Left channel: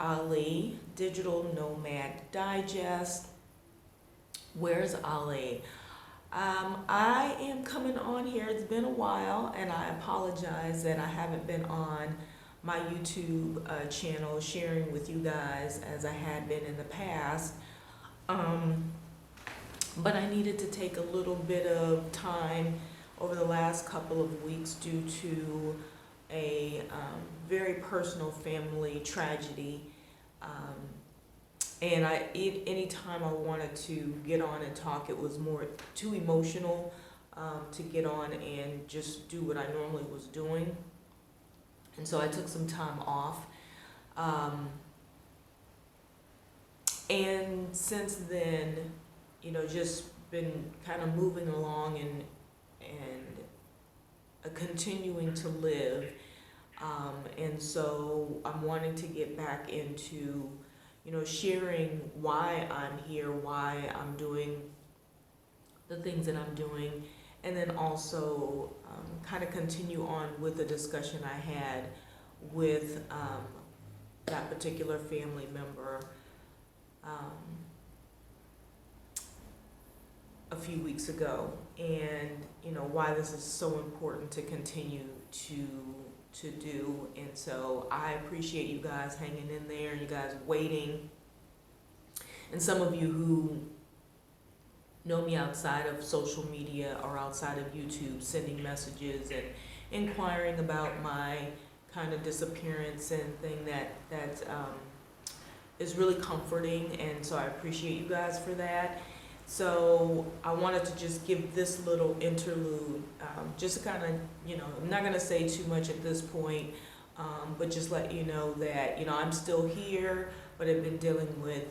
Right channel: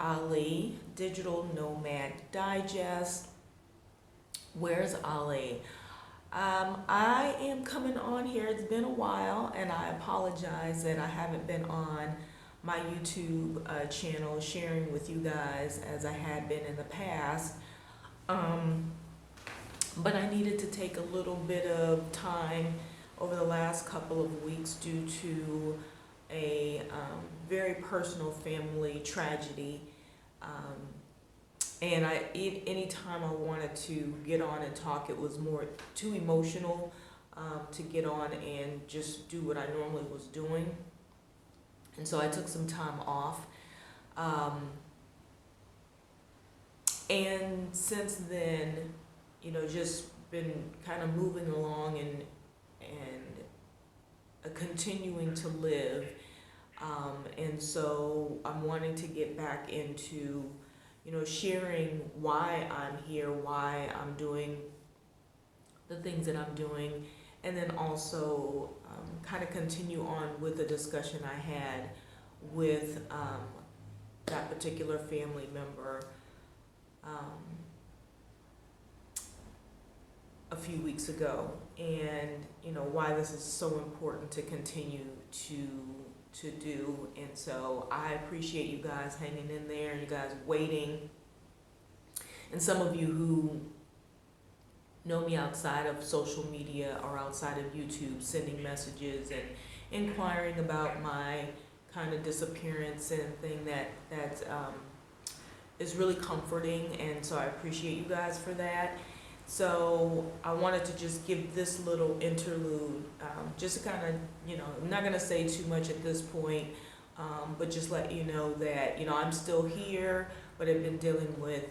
Ali, Digital Nomad Digest. Where's Ali? I am coming on here. It's been a while, and I apologize that I haven't been on my YouTube channel sharing with you guys as I had been in the past. But I needed to take a little bit of time over the last couple of weeks due to a very personal family tragedy. And anytime I wanted to get on and talk, it was more too emotional to get on and just do what I normally was doing. And so I took some time off. And since then, you know, just been kind of moving along and continuing to live. And so I'm wanting to get back into, you know, sharing why I'm here, why I'm doing the things that I'm doing, and then also kind of continue on with the discussion I had with that particular family member a few weeks ago, and you know why this is so important to continue to do. And so I appreciate you guys hanging in there, you guys waiting, and some of you who know me outside of social media or outside of YouTube sending messages and inquiring about my kind of disappearance and thing that is really comforting. And so I appreciate you guys for that. So I wanted to just give this little interlude, just to kind of, you know, I'm not going to say too much at this point, but just let you know that, you know, I'm still here, but I've been dealing with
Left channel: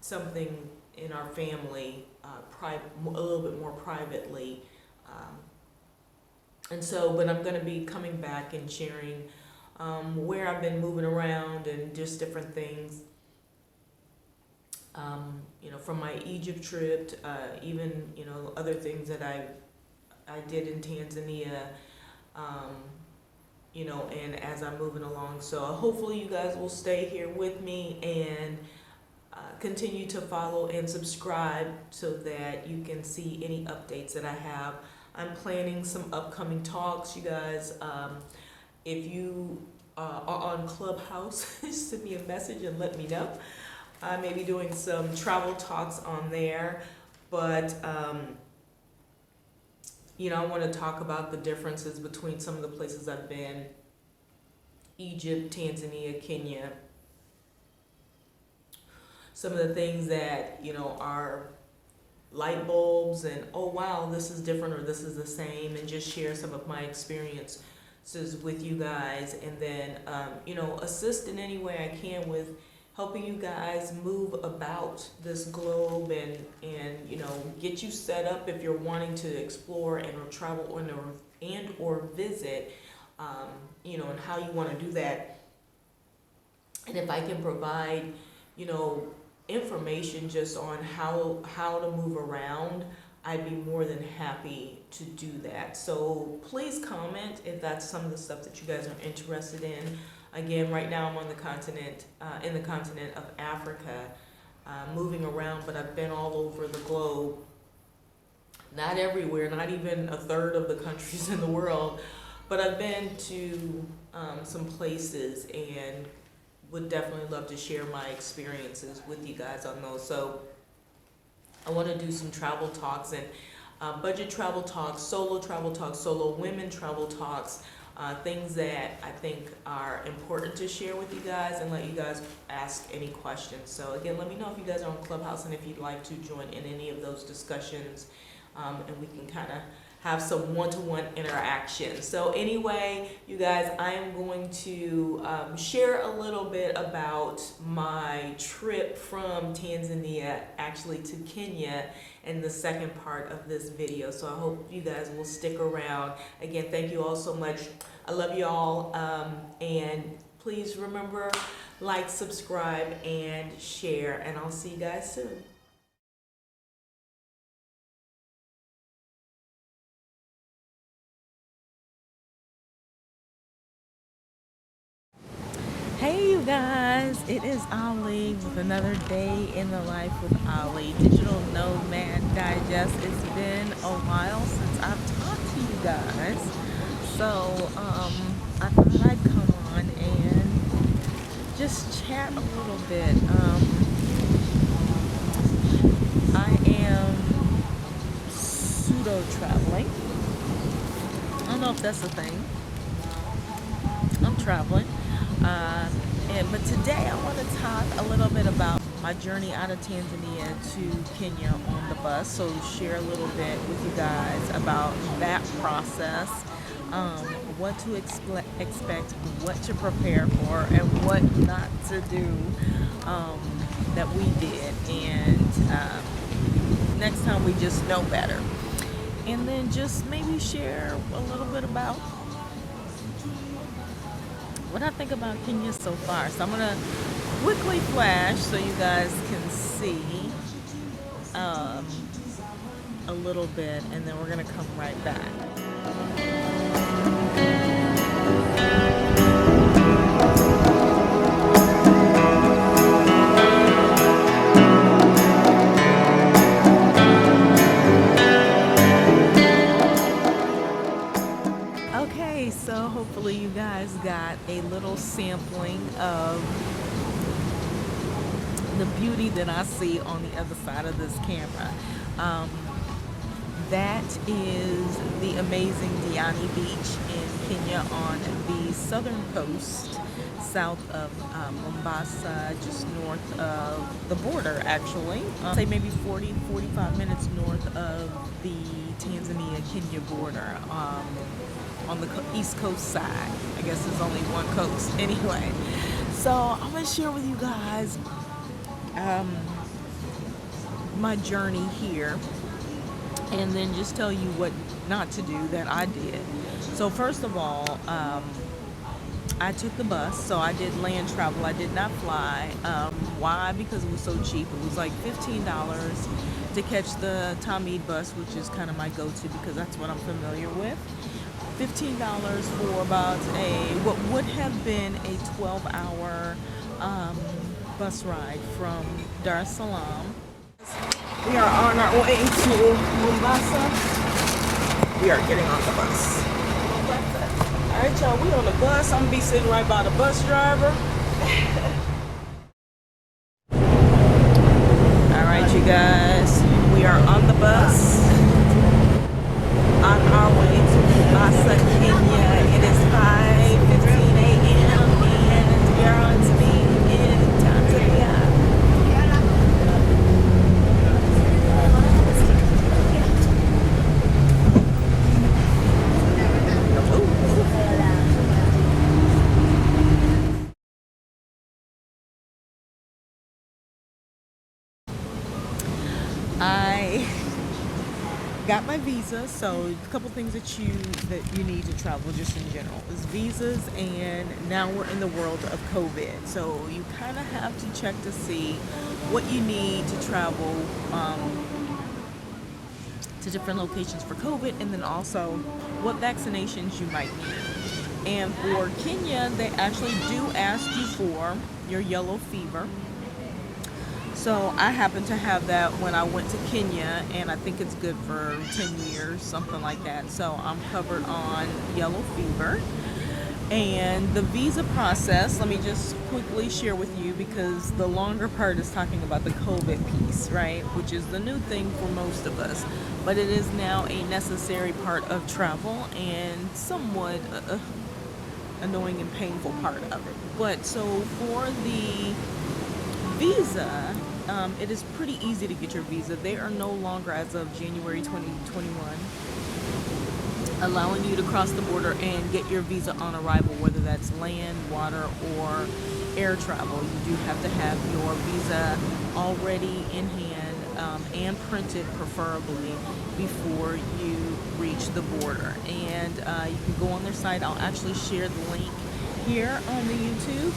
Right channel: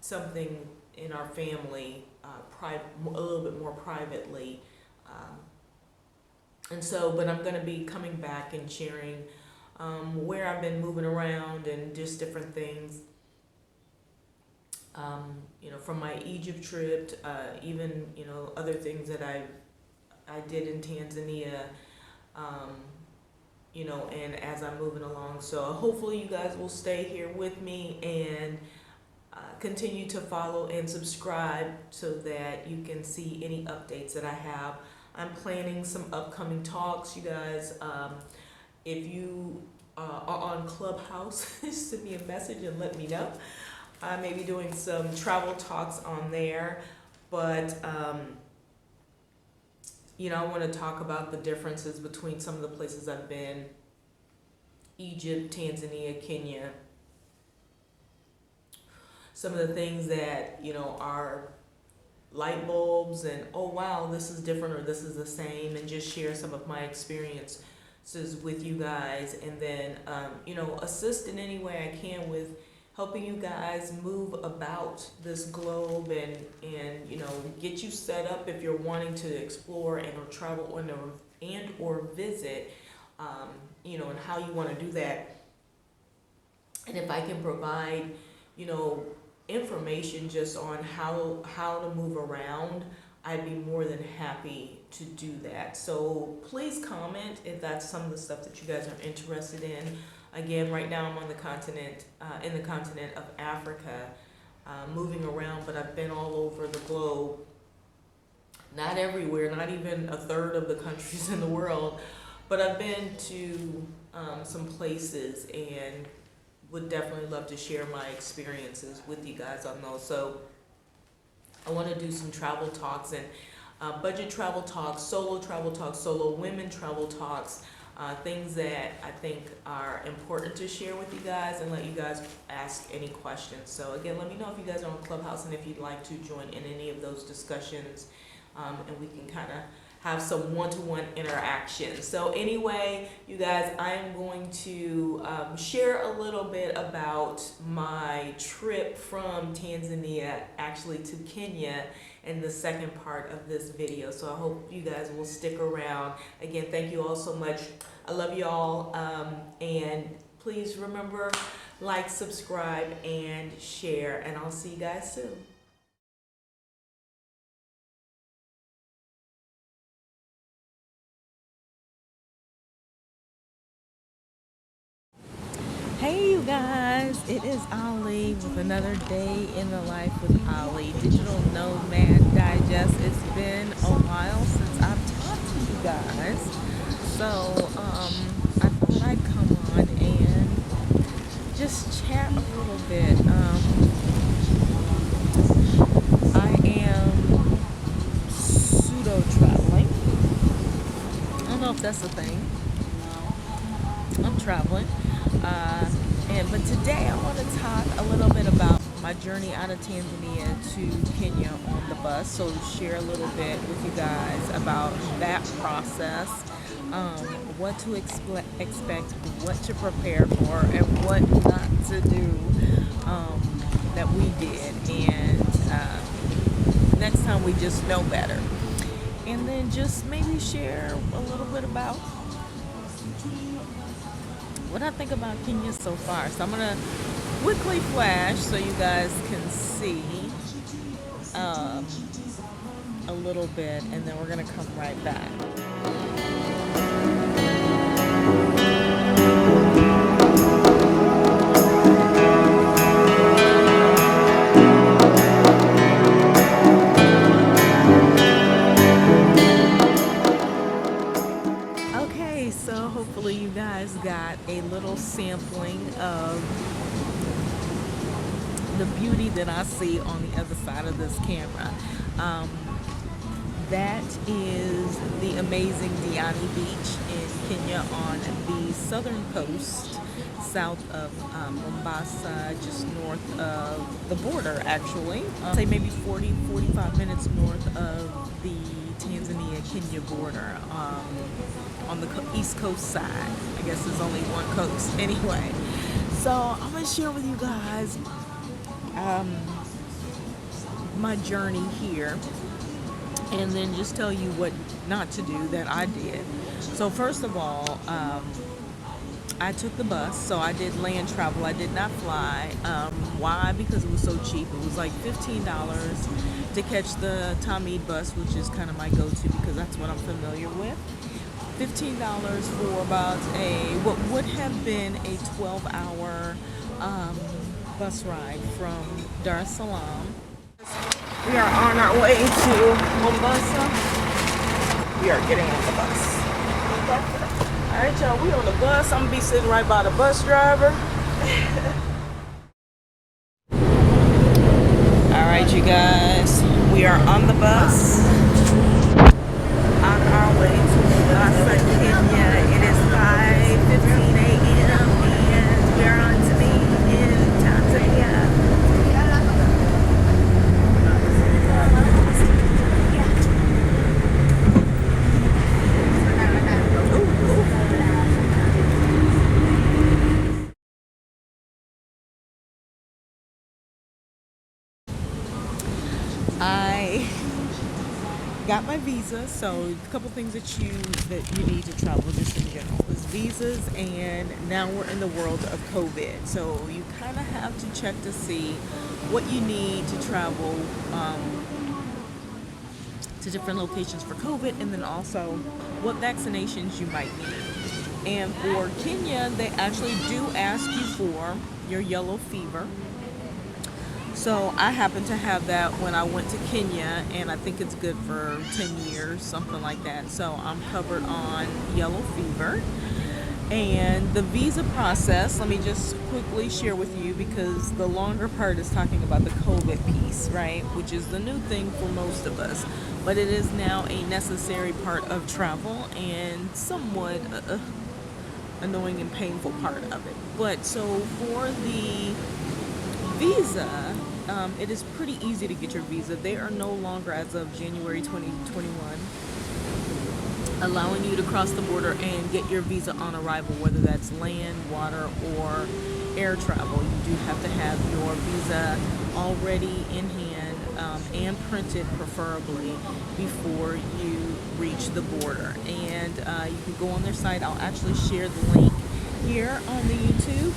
something in our family, a little bit more privately. And so, but I'm going to be coming back and sharing where I've been moving around and just different things. You know, from my Egypt trip, even, you know, other things that I did in Tanzania, you know, and as I'm moving along. So hopefully you guys will stay here with me and continue to follow and subscribe so that you can see any updates that I have. I'm planning some upcoming talks, you guys. If you are on Clubhouse, send me a message and let me know. I may be doing some travel talks on there, but you know, I want to talk about the differences between some of the places I've been: Egypt, Tanzania, Kenya. Some of the things that, you know, are light bulbs and, oh wow, this is different or this is the same, and just share some of my experiences with you guys, and then you know, assist in any way I can with helping you guys move about this globe and you know, get you set up if you're wanting to explore and or travel and or visit, you know, and how you want to do that. And if I can provide, you know, information just on how to move around, I'd be more than happy to do that. So please comment if that's some of the stuff that you guys are interested in. Again, right now I'm on the continent, in the continent of Africa, moving around, but I've been all over the globe. Not everywhere, not even a third of the countries in the world, but I've been to some places and would definitely love to share my experiences with you guys on those. So I want to do some travel talks and budget travel talks, solo women travel talks, things that I think are important to share with you guys, and let you guys ask any questions. So again, let me know if you guys are on Clubhouse and if you'd like to join in any of those discussions, and we can kind of have some one-to-one interaction. So anyway, you guys, I am going to share a little bit about my trip from Tanzania actually to Kenya in the second part of this video. So I hope you guys will stick around. Again, thank you all so much. I love you all, and please remember, like, subscribe, and share, and I'll see you guys soon. Hey you guys, it is Ali with another day in the life with Ali, Digital Nomad Digest. It's been a while since I've talked to you guys, so I thought I'd come on and just chat a little bit. I am pseudo traveling. I don't know if that's a thing. I'm traveling. But today I want to talk a little bit about my journey out of Tanzania to Kenya on the bus. So share a little bit with you guys about that process, what to expect, what to prepare for, and what not to do that we did. And next time we just know better. And then just maybe share a little bit about what I think about Kenya so far. So I'm gonna quickly flash so you guys can see a little bit, and then we're gonna come right back. Okay, so hopefully you guys got a little sampling of the beauty that I see on the other side of this camera. That is the amazing Diani Beach in Kenya on the southern coast, south of Mombasa, just north of the border actually. Say maybe 45 minutes north of the Tanzania-Kenya border. On the east coast side. I guess there's only one coast anyway. So I'm gonna share with you guys my journey here, and then just tell you what not to do that I did. So first of all, I took the bus, so I did land travel. I did not fly. Why? Because it was so cheap. It was like $15 to catch the Tamid bus, which is kind of my go-to because that's what I'm familiar with. $15 for about what would have been a 12-hour bus ride from Dar es Salaam. We are on our way to Mombasa. We are getting on the bus. All right, y'all, we on the bus. I'm gonna be sitting right by the bus driver. All right, you guys, we are on the bus. On our way to Mombasa, Kenya. It is 5:15 a.m. and we are on to be in Tanzania. I got my visa, so a couple things that you need to travel just in general is visas, and now we're in the world of COVID, so you kind of have to check to see what you need to travel to different locations for COVID, and then also what vaccinations you might need. And for Kenya, they actually do ask you for your yellow fever. So I happen to have that when I went to Kenya, and I think it's good for 10 years, something like that. So I'm covered on yellow fever. And the visa process, let me just quickly share with you, because the longer part is talking about the COVID piece, right? Which is the new thing for most of us. But it is now a necessary part of travel and somewhat annoying and painful part of it. But so for the visa, it is pretty easy to get your visa. They are no longer, as of January 2021, allowing you to cross the border and get your visa on arrival, whether that's land, water, or air travel. You do have to have your visa already in hand and printed, preferably, before you reach the border. And you can go on their site. I'll actually share the link here on the YouTube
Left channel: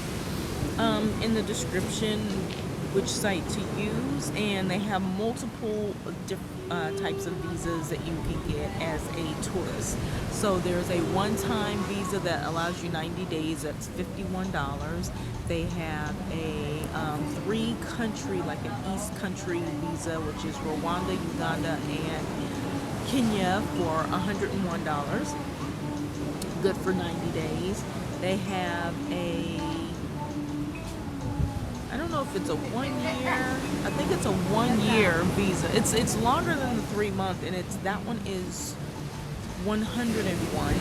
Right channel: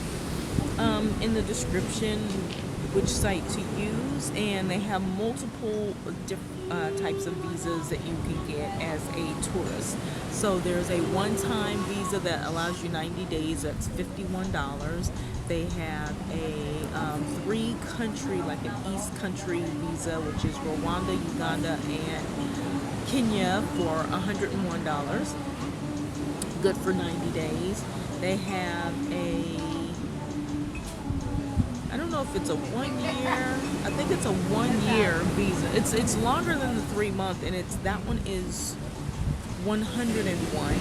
in the description, which site to use, and they have multiple different types of visas that you can get as a tourist. So there's a one-time visa that allows you 90 days. That's $51. They have a 3-country, like an East country visa, which is Rwanda, Uganda, and Kenya for $101. Good for 90 days. They have I don't know if it's a 1 year. I think it's a 1 year visa. It's longer than the 3 month, and that one is 101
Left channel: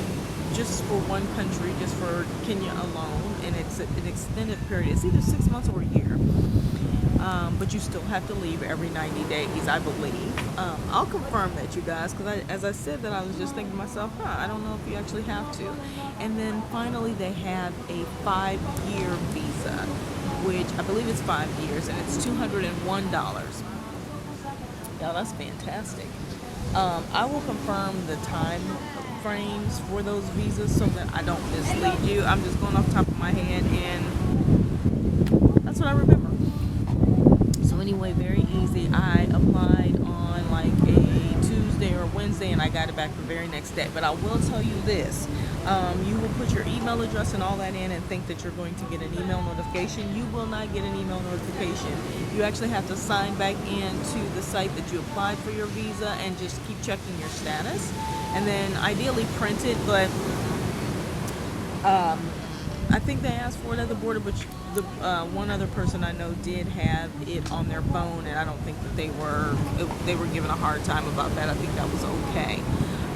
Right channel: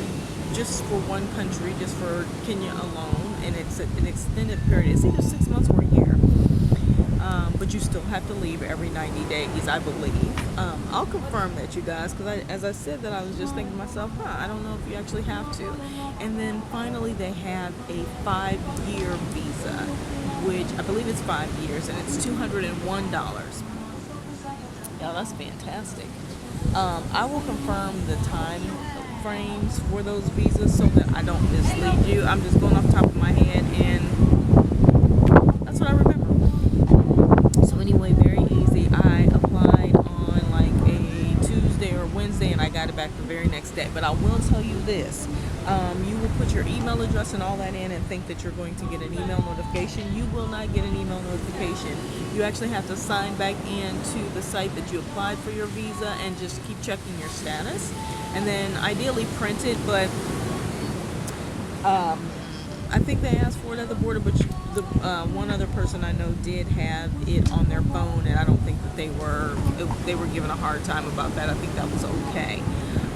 just for one country, just for Kenya alone, and it's an extended period. It's either 6 months or a year. But you still have to leave every 90 days, I believe. I'll confirm that, you guys, because as I said that, I was just thinking to myself, I don't know if you actually have to. And then finally, they have a 5-year visa, which I believe it's 5 years, and it's $201. Yeah, that's fantastic. I will confirm the time frames for those visas so that I don't mislead you. I'm just going off the top of my head, and that's what I remember. So anyway, very easy. I applied on like a Tuesday or Wednesday, and I got it back the very next day. But I will tell you this. You will put your email address and all that in and think that you're going to get an email notification. You will not get an email notification. You actually have to sign back into the site that you applied for your visa and just keep checking your status. And then ideally print it, but I think they asked for it at the border, but the one other person I know did have it on their phone, and I don't think that they were given a hard time about that. I think that was okay.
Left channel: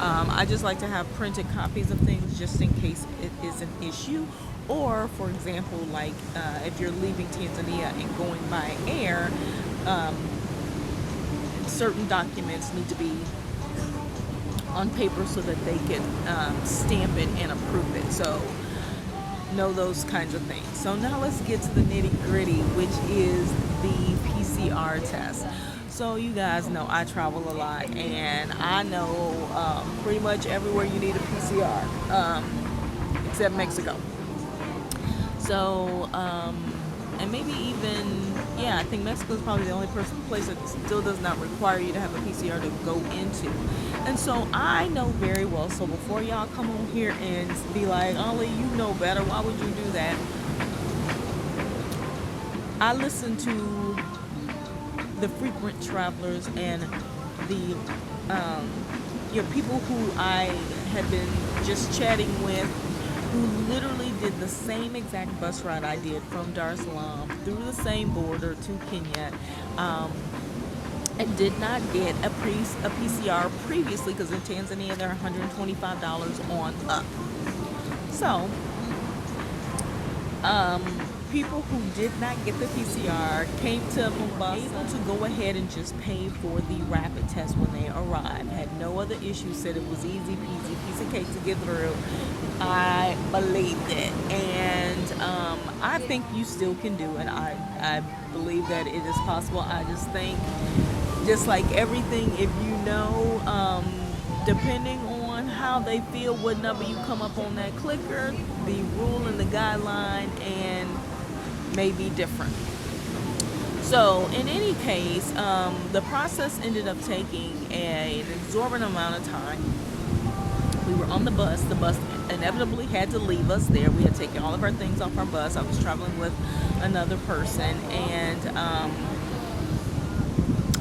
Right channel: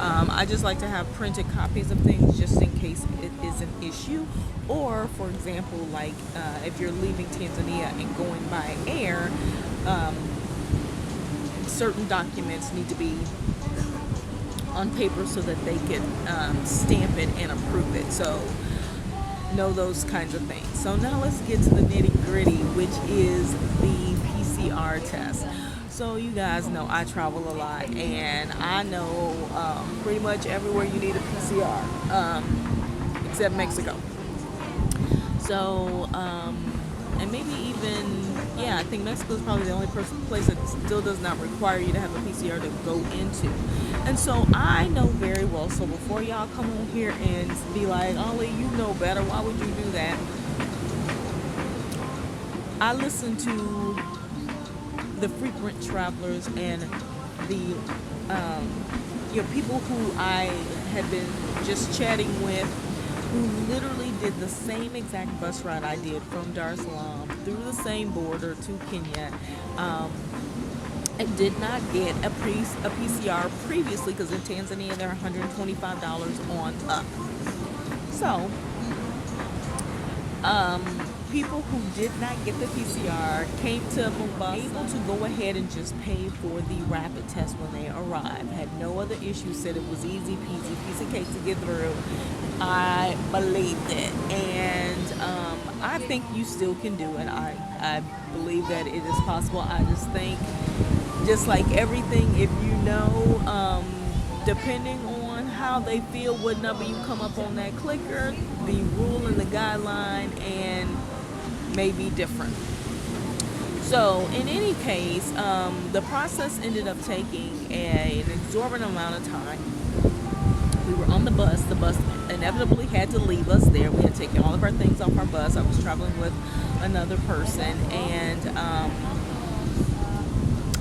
I just like to have printed copies of things just in case it is an issue. Or, for example, like if you're leaving Tanzania and going by air, certain documents need to be on paper so that they can stamp it and approve it. So know those kinds of things. So now let's get to the nitty gritty, which is the PCR test. So you guys know I travel a lot, and I know pretty much everywhere you need a PCR, except Mexico. So, and maybe even, I think Mexico is probably the only place that still does not require you to have a PCR to go into. And so I know very well, so before y'all come on here and be like, Ollie, you know better, why would you do that? I listen to the frequent travelers and the people who I had been just chatting with, who literally did the same exact bus ride I did from Dar es Salaam through the same border to Kenya, and did not get a PCR previously, because in Tanzania they're $125 on up. So people who did not get the PCR came to Mombasa, able to go ahead and just pay for the rapid test when they arrived. Had no other issues, said it was easy peasy, piece of cake to get through. I believed it, and I think you still can do it. I believe that it is possible. I just think, just like everything, if you know, depending on how they feel, what number you come up on that clicker, the rule and the guideline and may be different. So in any case, the process ended up taking an exorbitant amount of time. We were on the bus. The bus inevitably had to leave us there. We had taken all of our things off our bus. I was traveling with another person, and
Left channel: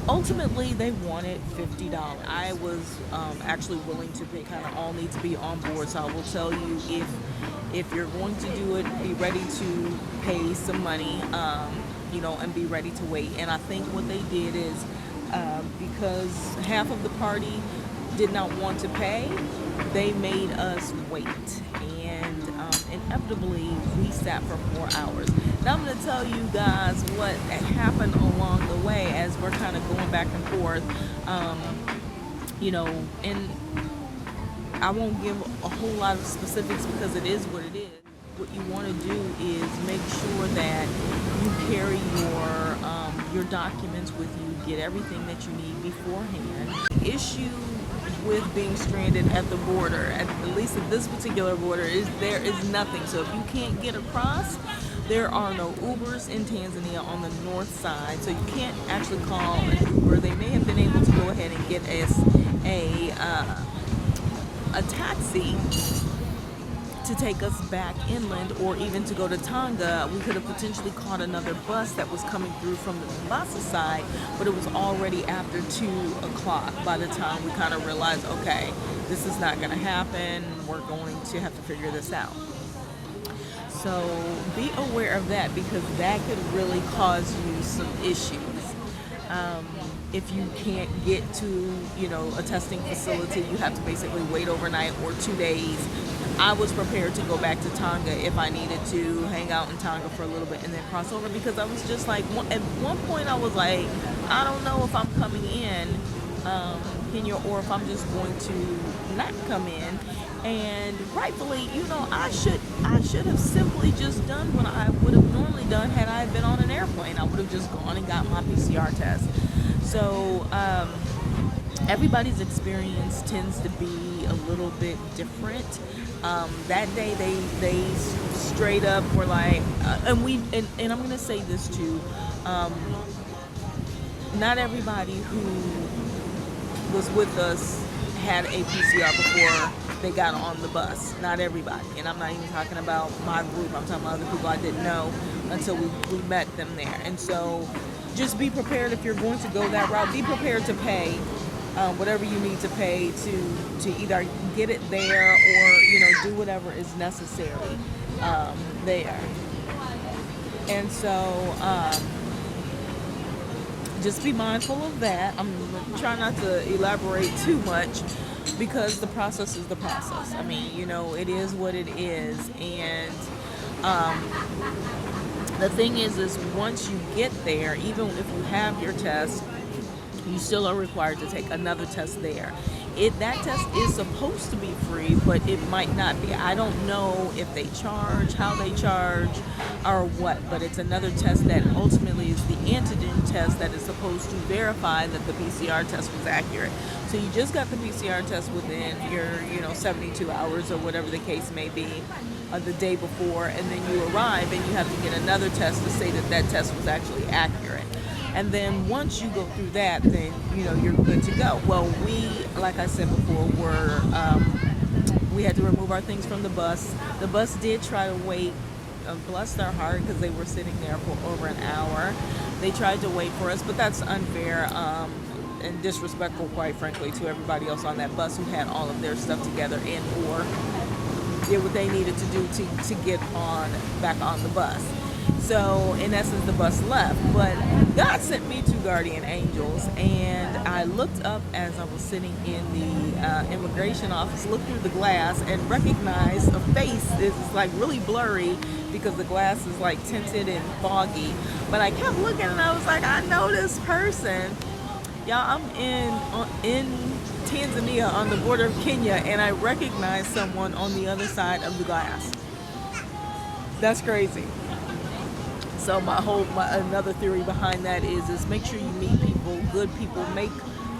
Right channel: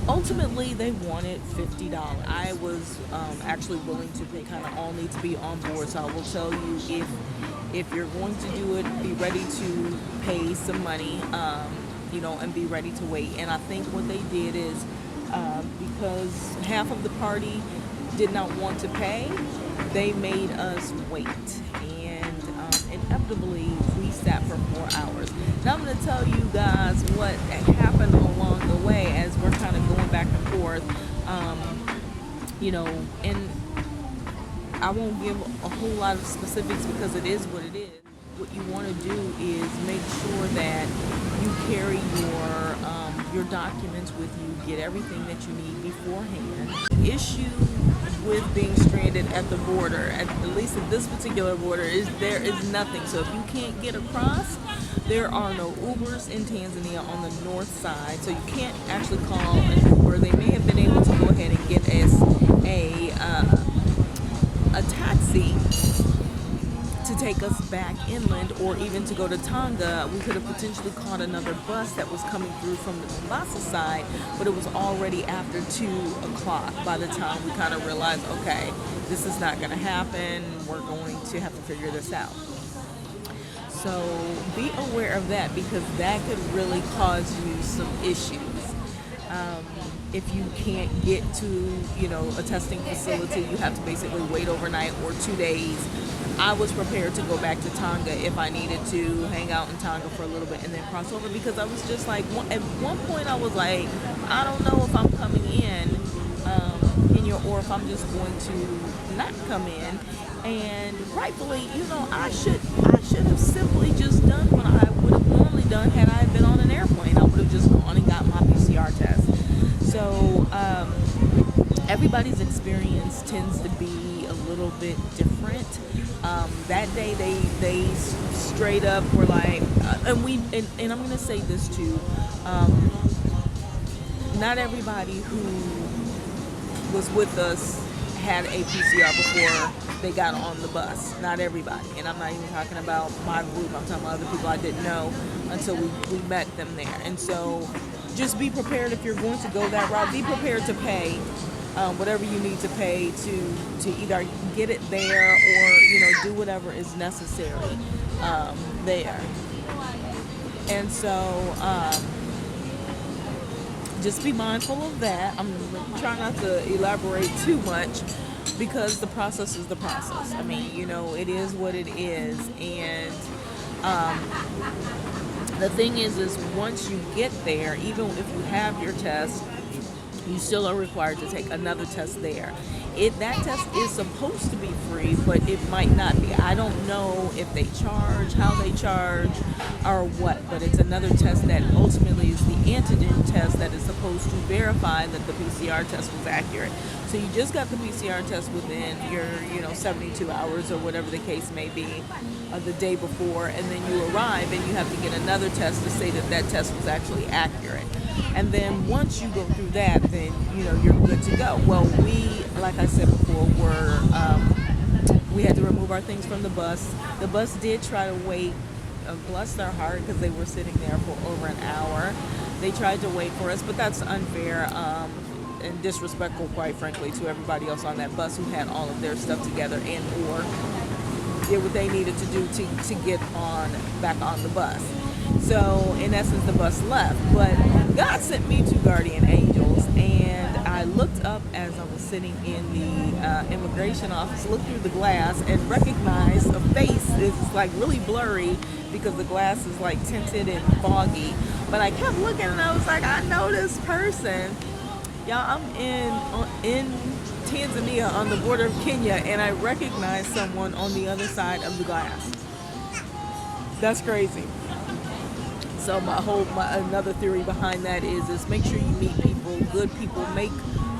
ultimately they wanted $50. I was actually willing to pay. Kind of all need to be on board. So I will tell you, if you're going to do it, be ready to pay some money, and be ready to wait. And I think what they did is, because half of the party did not want to pay, they made us wait, and inevitably we sat for 4 hours. Now I'm going to tell you guys what happened along the way as we're kind of going back and forth, and I won't give a whole lot of specifics because it is what it is. What you want to do is make sure that you carry your your documents with you, get everything that you need beforehand. Issue with being stranded at the border, at least at this particular border, is there is nothing. So if you can't get across, there are no Ubers in Tanzania on the north side, so you can't actually call an Uber. They may have been able to go ahead and get us a taxi to take us back inland, or even to go to Tonga. We could have potentially caught another bus that was coming through from the Mombasa side, but it was already after 2 o'clock by the time we kind of realized, okay, this is not going to happen. We're going to have to figure this out. So be aware of that, because that could really cause you some issues. If you can't get to, a testing facility, you have to basically wait overnight or 2 days. I was prepared to go back to Tonga if I needed to hang out in Tonga for a little bit and then cross over, because I was just like, at one point I was like, I don't know if I'm coming in Kenya, or if I'm just going to not come in. And rightfully, I should have simply just done what I would have normally done had I been on an airplane. I would have just gone and got my PCR test. So everybody's experience tends to be a little bit different. That day they straight up were like, and I'm gonna say this too, not everybody who was with us had a PCR before they got on the bus. Not everybody. And I'm not even talking about my group. I'm talking about other people I didn't know until we met them there. And so just be prepared if you're going to go that route. Be prepared to pay whatever you need to pay to either get it there, or do whatever is necessary there. And so just be mindful of that. I'm trying not to elaborate too much, because the process is the process. I mean, it is what it is. And the thing is once you get there, even if you have your test, you still are required to take another test there. That test is supposed to be free, but it might not be. I don't know if they charge, how they charge, or what, but it's another test that ultimately is the antigen test that is supposed to verify that the PCR test was accurate. So you just got the PCR test within your 72 hours or whatever the case may be, the day before, and then you arrive and you have to get another test to say that that test was actually accurate. And then once you go through that, then you're good to go. Well, we, like I said before, we had to remove our things from the bus. The bus did try to wait, bless their heart, because they were sitting there for over an hour. They tried to wait for us, but that's unfair and disrespectful, quite frankly, to everybody else on that bus who had all of their stuff together and or did what they needed to do to get back on the bus. So in essence, the bus left. But God sent me 2 guardian angels, and I looked up as I was sitting in the immigration office, looked through the glass, and recognized a face. It's like really blurry because the glass is like tinted and foggy. But I kept looking, and I was like, I know this person. Y'all, I'm in Tanzania on the border of Kenya, and I recognized someone on the other side of the glass. That's crazy. So another theory behind that is make sure you meet people, good people, make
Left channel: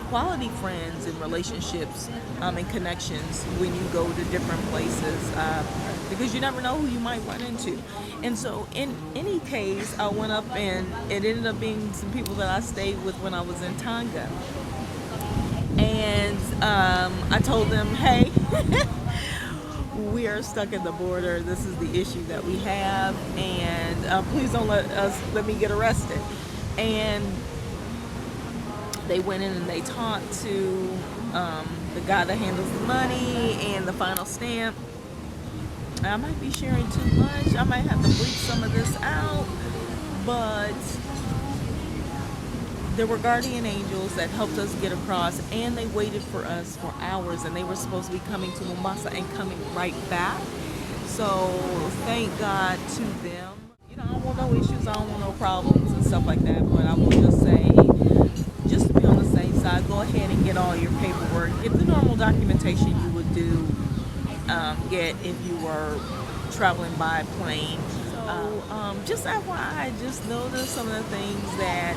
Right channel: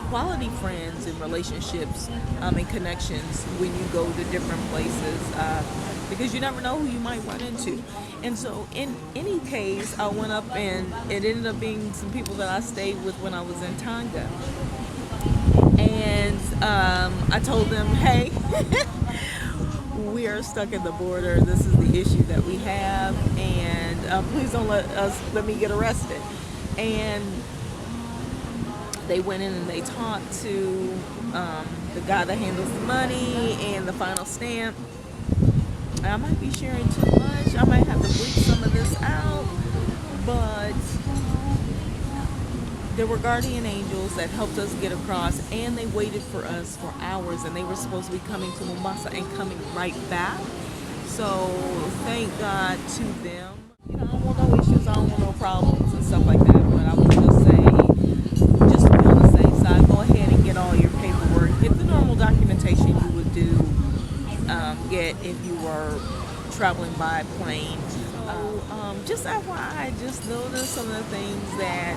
quality friends and relationships and connections when you go to different places, because you never know who you might run into. And so in any case, I went up, and it ended up being some people that I stayed with when I was in Tonga. And I told them, hey, we are stuck at the border. This is the issue that we have, and please don't let me get arrested. And they went in and they talked to the guy that handles the money and the final stamp. I might be sharing too much. I might have to bleep some of this out, but there were guardian angels that helped us get across, and they waited for us for hours, and they were supposed to be coming to Mombasa and coming right back. So thank God to them. I don't want no issues, I don't want no problems and stuff like that, but I will just say, just to be on the safe side, go ahead and get all your paperwork, get the normal documentation you would get if you were traveling by plane. So Just FYI, just notice some of the things that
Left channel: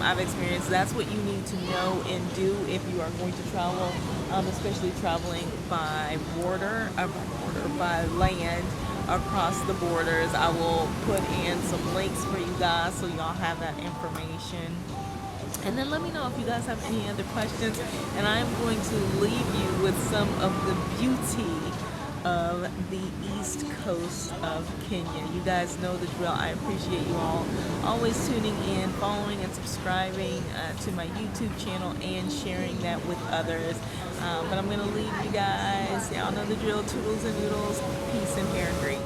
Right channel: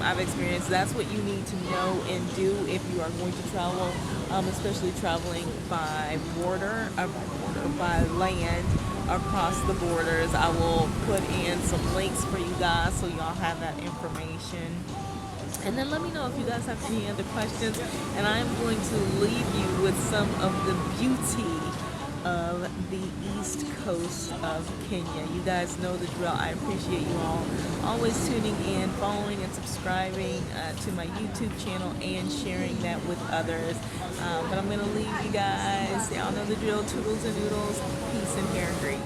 I've experienced. That's what you need to know and do if you are going to travel, especially traveling by by land across the borders. I will put in some links for you guys so y'all have that information. And then let me know if you guys have any other questions. And I'm going to leave you with some of the beauty of the east coast of Kenya. You guys know the drill. I appreciate you all always tuning in, following and subscribing to my YouTube channel and sharing that with others. But I'm going to leave you guys. Y'all know the drill. Toodles and noodles. Peace and hair grease.